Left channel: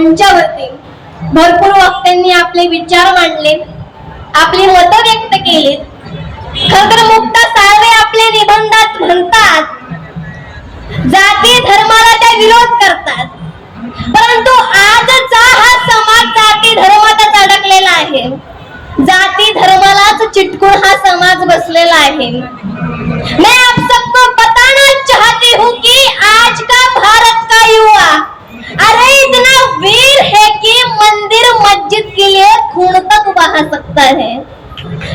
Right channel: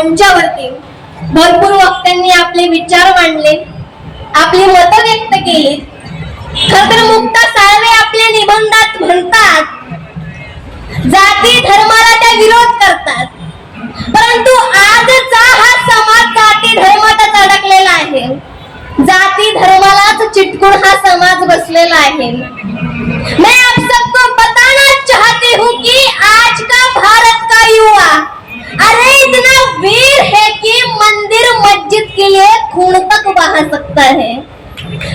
मंचावरती भरपूर वक्त्यांनी आपले विचार मांडले, आपली मतं व्यक्त केली. खरं तर मुक्ता साळवे आपल्या निबंधात म्हणतात, जाती धर्माला त्या विरोध करतात, परंतु आजचा हा समाज जाती धर्मातच अडकलेला आहे. जाती धर्मालाच चिटकून हा समाज बसलेला आहे. मैं आप सबको बताना चाहती हूँ कि आज का भारत का युवा अरे इतना वीर है कि मंदिर मस्जिद के लिए खून तक बहा सकता है,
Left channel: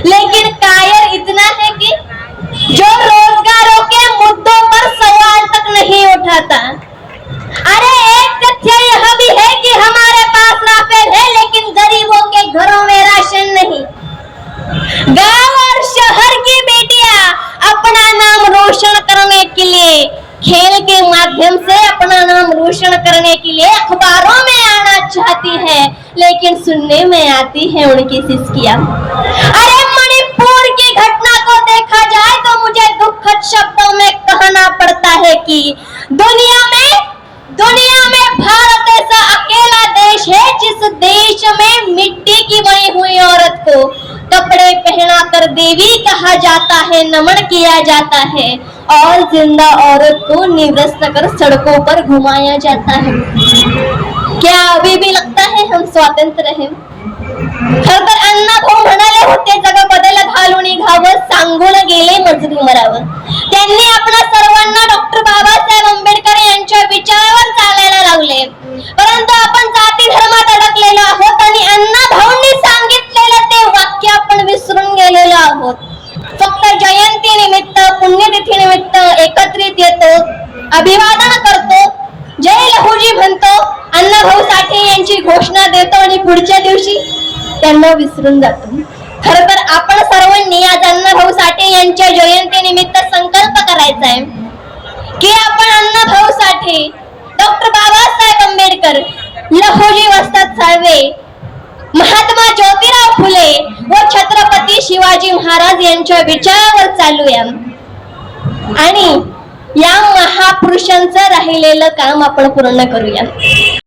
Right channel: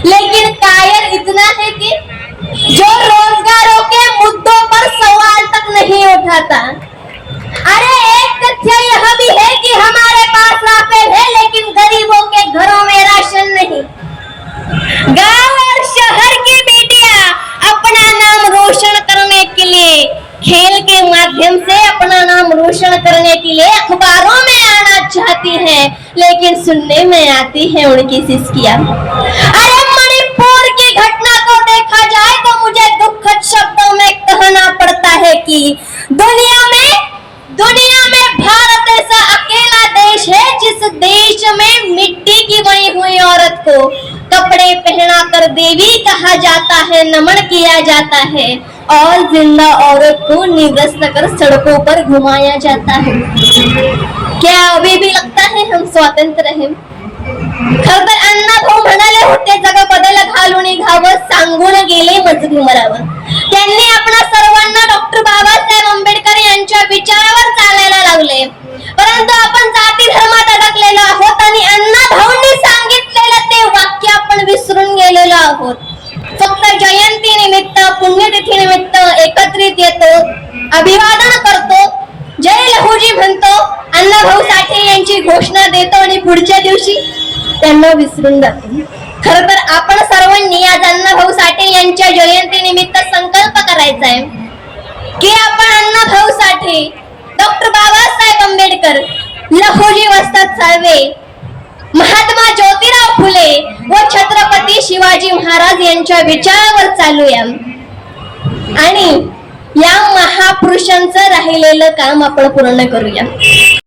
लेकिन कायर इतना है कि जो रोजगारों के मुद्दों पर सवाल तक नहीं उठाता. अरे एक तथ्य यह भी है कि हमारे पास राफेल है, लेकिन गरीबों के घरों में राशन नहीं. गांव और शहर की बेटियां अपना नाम रोशन करने के लिए, खेल के माध्यम से अपना नाम रोशन करने के लिए अखबारों में आना चाहती है, लेकिन सुनने में आती है उनकी सिसकियां. अरे मणिपुर की घटना को देखा जाए तो मुझे दुखद शब्दों में कहना पड़ता है कि दुनिया में भारत ऐसा अकेला देश है जिस देश में मिट्टी की बनी हुई औरत को कपड़े पहनाकर देवी कहा जाता है, नमन किया जाता है, और जिंदा औरत को निवस्त कर सड़कों पर घुमाया जाता है. क्या अभी भी लगता है हम स्वतंत्र हैं? खरं तर अण्णाभाऊ म्हणाले होते, जग बदल घालून घावं, सांगून गेले मजगी मरावं. त्यांनी आपल्या सर्वांना डॉक्टर बाबासाहेब आंबेडकर यांच्या विचारावर चालायला लावले, परंतु आपण जाती धर्मात अडकलेलो आहोत आणि अण्णाभाऊंनी सांगितलेलं ते वाक्य आपण विसरून गेलेलो आहोत. फक्त जयंती निमित्त, पुण्यतिथी निमित्त एकत्रित येतो, अभिवादन करतो, जय लहूजी म्हणतो, अण्णाभाऊ साठे यांची घोषणा देतो आणि पुढच्या दिवशी त्यांना विसरून जातो. खरं तर आपण सर्वांनी आज अण्णाभाऊ साठे यांच्या जयंती निमित्त संकल्प करायचा आहे की आपण अण्णाभाऊ साठे, डॉक्टर बाबासाहेब आंबेडकर, लहुजी वस्ताद साळवे, महात्मा ज्योतिराव फुले व छत्रपती शिवाजी महाराज यांच्या विचारावर चालूया आणि या महापुरुषांचं राहिलेलं काम आपण पूर्ण करूया.